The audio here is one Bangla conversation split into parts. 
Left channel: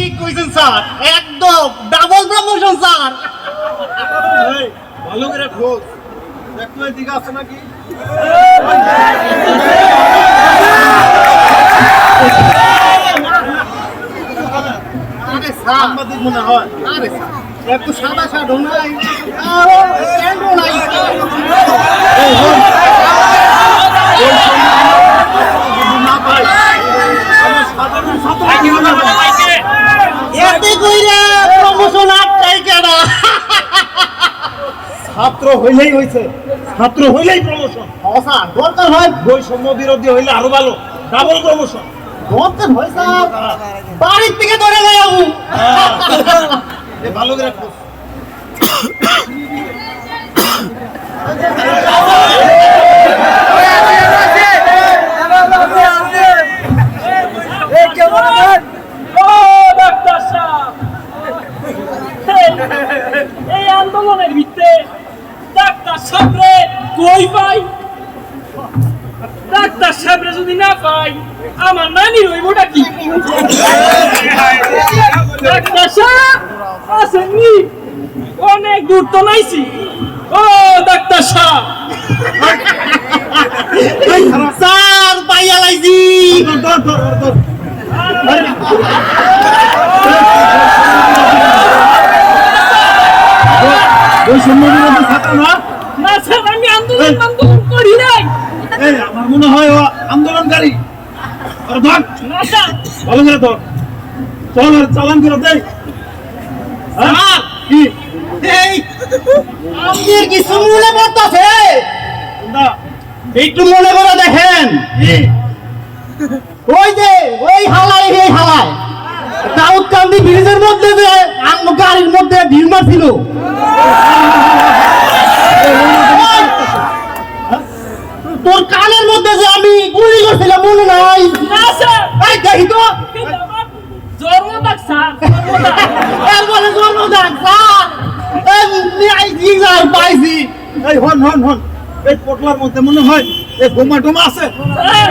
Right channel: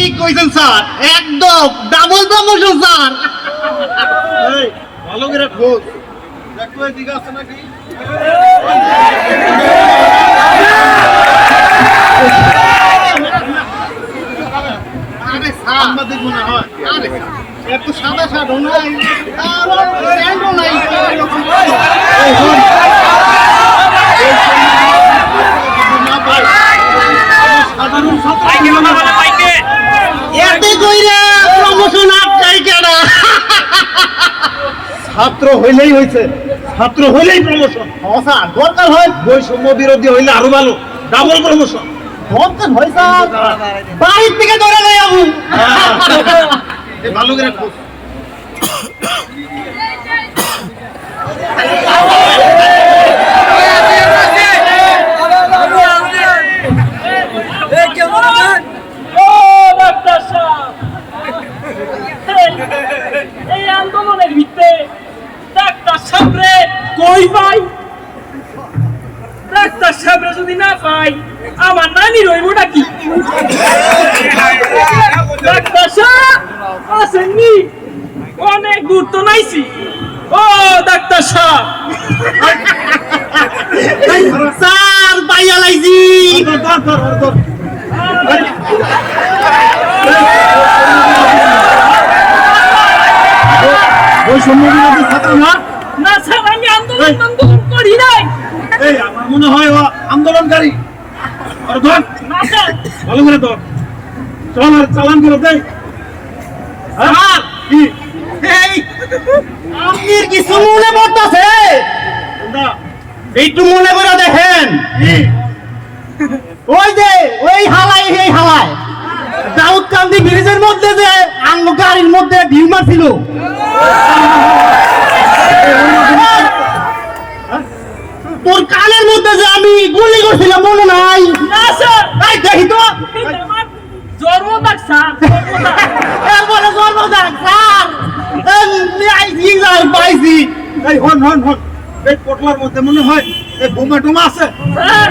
ঠিক কইছেন স্যার। একদম ডাবল প্রমোশন স্যার। এই ভালো করে খোঁজ। দেখো এদিকে আছে নাকি? আরে সাংবাদিক মনে হয়। আরে এত সাদা সাদা নাই। আরও নাই এই হন। না পাই আমার সাধারণ ছাত্র হইলেই হয়েছে ছাত্র হইলেই প্রমোশন। স্যার দরকার হয় বৈষম্য বিরোধী হইলে আরও ভালো ডাবল প্রমোশন দরকার হয় স্যার। বাড়ির থেকে ধরে নেই আমি ভালো করে খোঁজ ও ডাক্তার সাহেব এই- এই আন্দোলনের ভিত্তে ডাক্তার সাহেবরে পাই। ডাক্তার সাহেবরে যদি না পাই, আমার নানি রইবটা কি ডাক্তার সাহেব, আসেননি? অনেক দূর তো নাইছি। ও, ডাক্তার সাহেব। স্যার, পাইয়া লাইছি। বৈষম্য বিরোধী ছাত্র না? আন্দোলন আন্দোলন করি নাই এই আমার মনে হয় আন্দোলনকারী। আর ধর। ভালো করে ধর। চল আর চালান করে হ্যাঁ? কি? এই আপনি কিছু মনে পড়তেছে না। একটু মনে করে দেখেন। ওই যে ওই হালাই এই হালাই দাউদ কান্দি ব্রিজের মধ্যে যে গাড়ির মধ্যে ভিউ মারছিল। মধ্যে যে আমি গুলি করছিলাম মনে নাই। এই দেখি তো। এটা আমার স্যার জন্মদাগ। জন্ম দেখ স্যার। এই যাই পাইছি। এই হন হন হন। এই পটলার মধ্যে মনে হয় এই বোমা টোমা আছে। স্যার,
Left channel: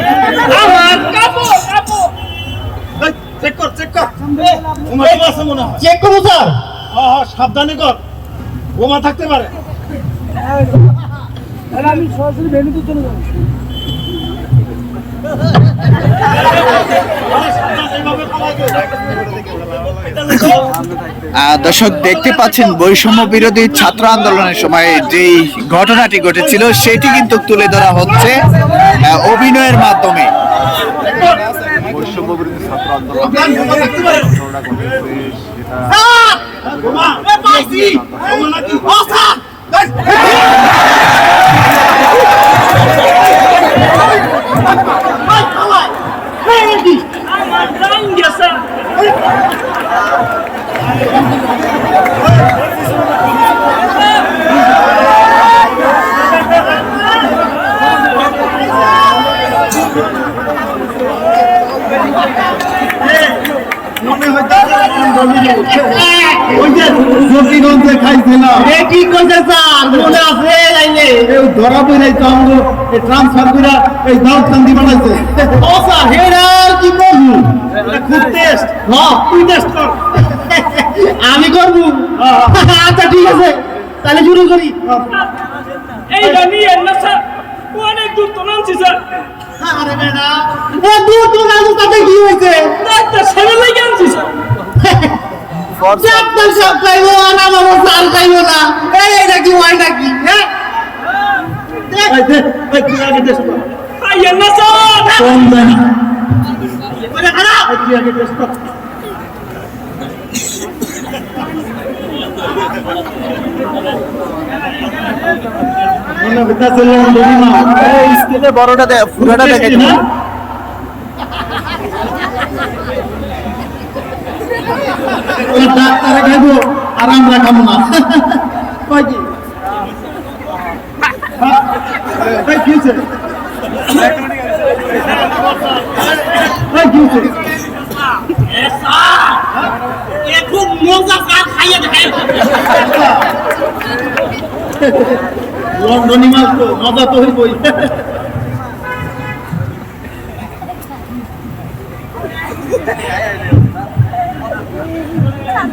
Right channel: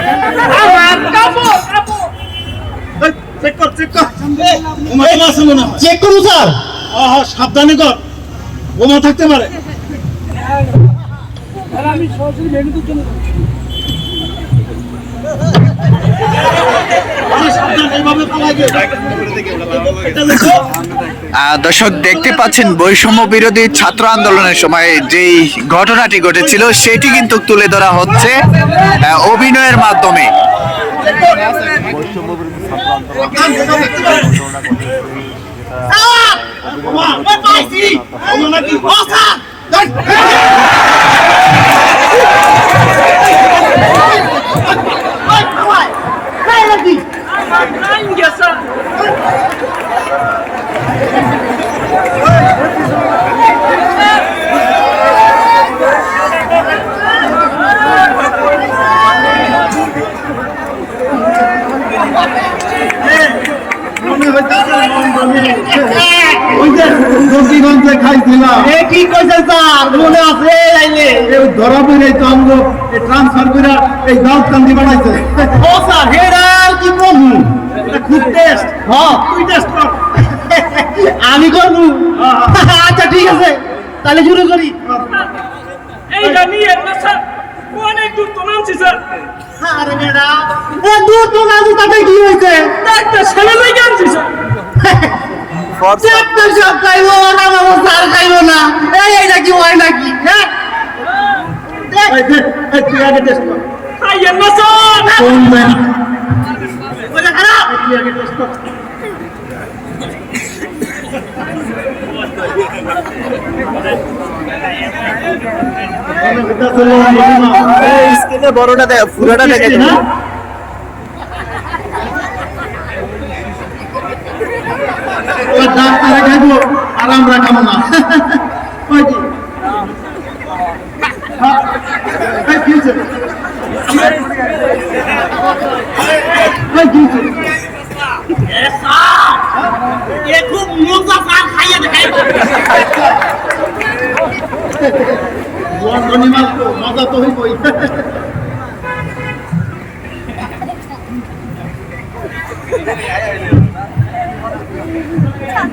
আমার কাপড়, কাপড়। এই, চেক কর চেক কর। বোমা টোমা আছে মনে হয়। চেক করুন স্যার। হ্যাঁ হ্যাঁ সাবধানে কর। বোমা থাকতে পারে। দর্শক, দেখতে পাচ্ছেন বৈষম্য বিরোধী ছাত্র আন্দোলনের সময় যেই ঘটনাটি ঘটেছিল, সেটি কিন্তু তুলে ধরা হচ্ছে অভিনয়ের মাধ্যমে। এই হ্যাঁ আমি করব আচ্ছা ঠিক আছে তাহলে শুরু করি এইটা নিয়ে না স্যার অনেক দূর তো নামছি স্যার আরে বেটা দূর তো না তো তাতে কি হয়েছে ডাক্তার ছেলে ভাই আনছি স্যার সব খাইবো স্যার খাইবো না। এই এটা কি হয় নাকি? হ্যাঁ? দেখ, দে এই তুই আগে টেস্ট কর আইয়েন না স্যার কোন দেন ওটা খারাপ এই তুই আগে টেস্ট কর মনে হইতাছে লন্ডনে না এই স্ক্রিনে বড়টা দেখ পুরোটা দেখে ওই ডাক্তারে খাইবো আর আমরা খাব না। খুব মজা খাইয়ে লন্ডনি মাল তো মজা তো হইবই। ভাই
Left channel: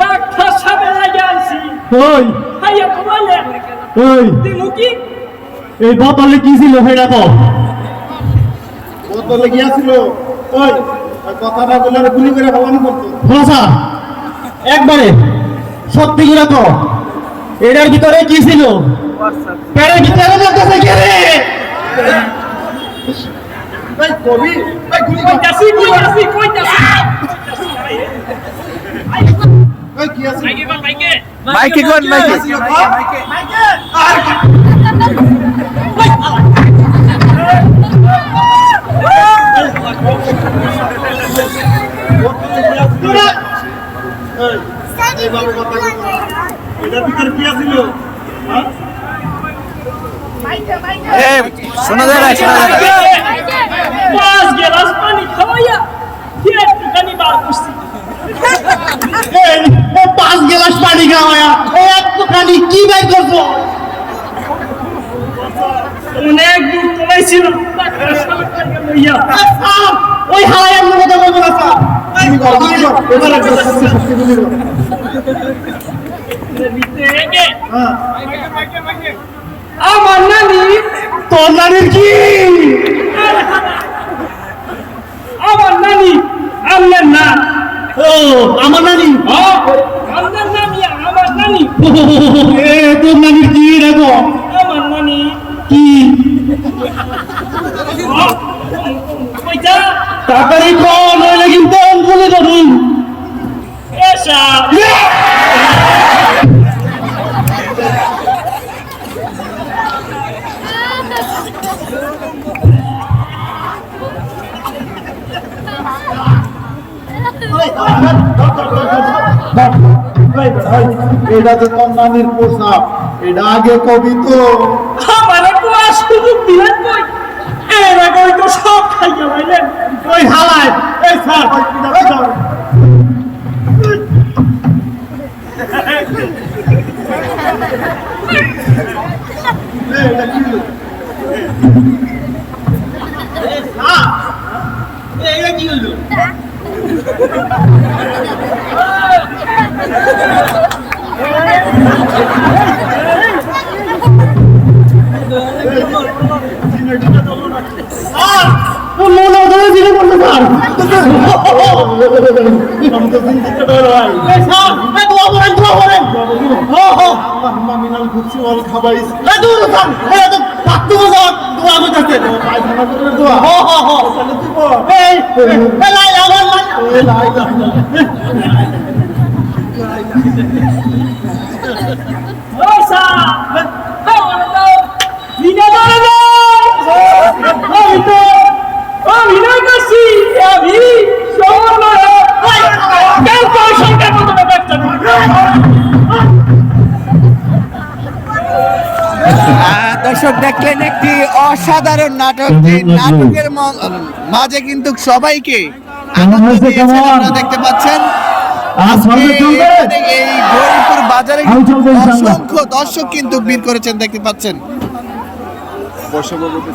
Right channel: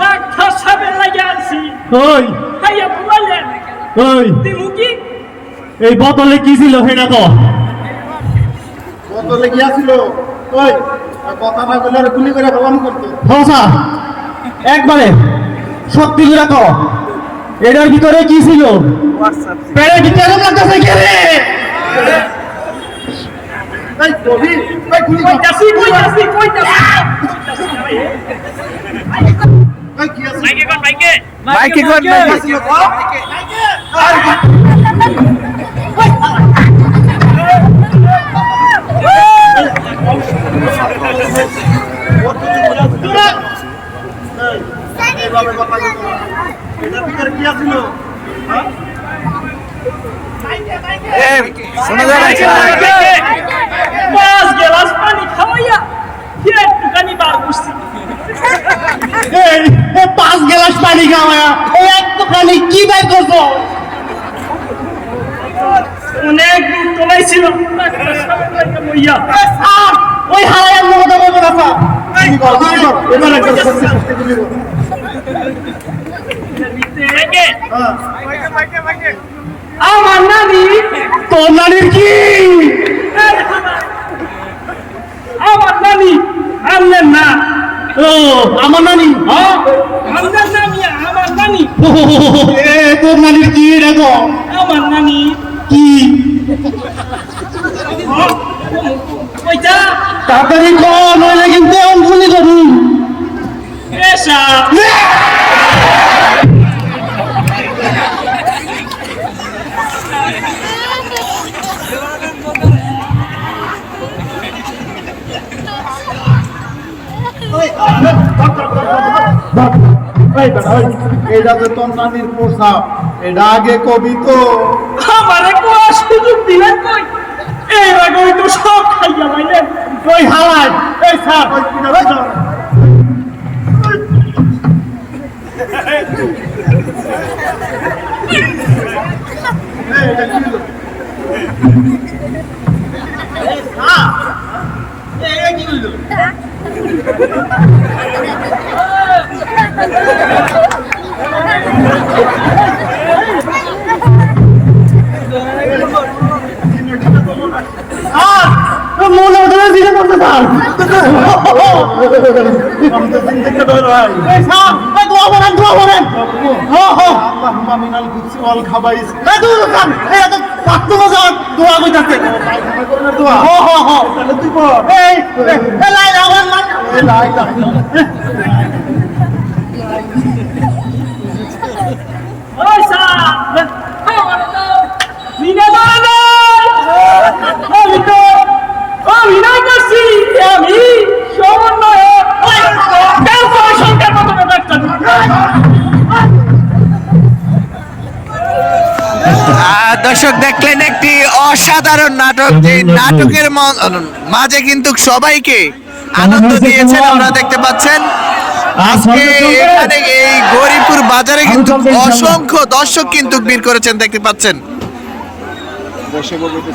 ডাক্তার ওই। ওই। কি এই বোতলে কি ছিল সেটা তো বোতলে গিয়েছিল ওই ওই কথাটা বলে আর গুলি করে ফেলাম করতো। ভাষা একবারে সত্যি করে তো এটার ভিতরে কি ছিল? পেটের ভিতরে লাগতেছে কে রে। এই কবি এই গুলি কইতাছি এই কি আছে মাইকে কোন মাইকে ছিল তো? বোতলে গিয়েছিল এই এইভাবে কথা বলতো না। এটার ভিতরে কি আছিল হ্যাঁ এ শোনা যায় না শোনা যায় না পাঁচ গেলাস পানি খাওয়াইয়া কি একটুখানি বার করছি এই ও পাঁচ গ্লাস পানি খাওয়া ও একটুখানি কি বাই অনেক স্যার ওই আমার কথা বলব না স্যার গুলি কর গুলি কর এবার একটা সত্যি সত্যি গুলি কর হ্যাঁ আমার নানি তোর নানির কি আমার নানি আমার না ও আমার নানি হ্যাঁ আমার নানি আমার নানি এ তোর নানির কি দেখো আমার নানি। কি? তাড়াতাড়ি কর নইলে কিন্তু এসা এটা তো তোর নানির পোশাক এটা আগে কবি তো। আমারে কোয়া সুযোগ দিলেন কই? এর আগে তো সব খাইয়া মাইলেন। ওই হালায় এই স্যার এটা কি হলো? মনে ধরে দিলে বলতে স্যার আমি তো চিন্তা করে ভাই এই স্যার এই দোয়া করেন দোয়া করেন হো হো আল্লাহুম্মা মিনাল খুবসি ওয়াল খাবাইস এই দোয়া স্যার এই তো পাত্র স্যার দোয়া কইতাছে আমরা করব দোয়া হো হো হো তাহলে তুই বল এই এই লাই আমার লাই এই লাই লাই পয়সা আমার তো নিনে ধরে আমি তো আমি না করছি আমি সমন্বয় কেউ কোনো চিন্তা করতে না আহ, দর্শক দেখলেন একটি অসাধারণ নাটক যে নাটকের মাঝে কিন্তু সবাইকে আনন্দ দিয়েছেন আমরা দেখতে পাচ্ছেন। আজকে এখানে এই গরিবপুর বাজারে কিন্তু অসংখ্য দর্শক কিন্তু ভিড় করেছেন দেখতে পাচ্ছেন। বসে বলবে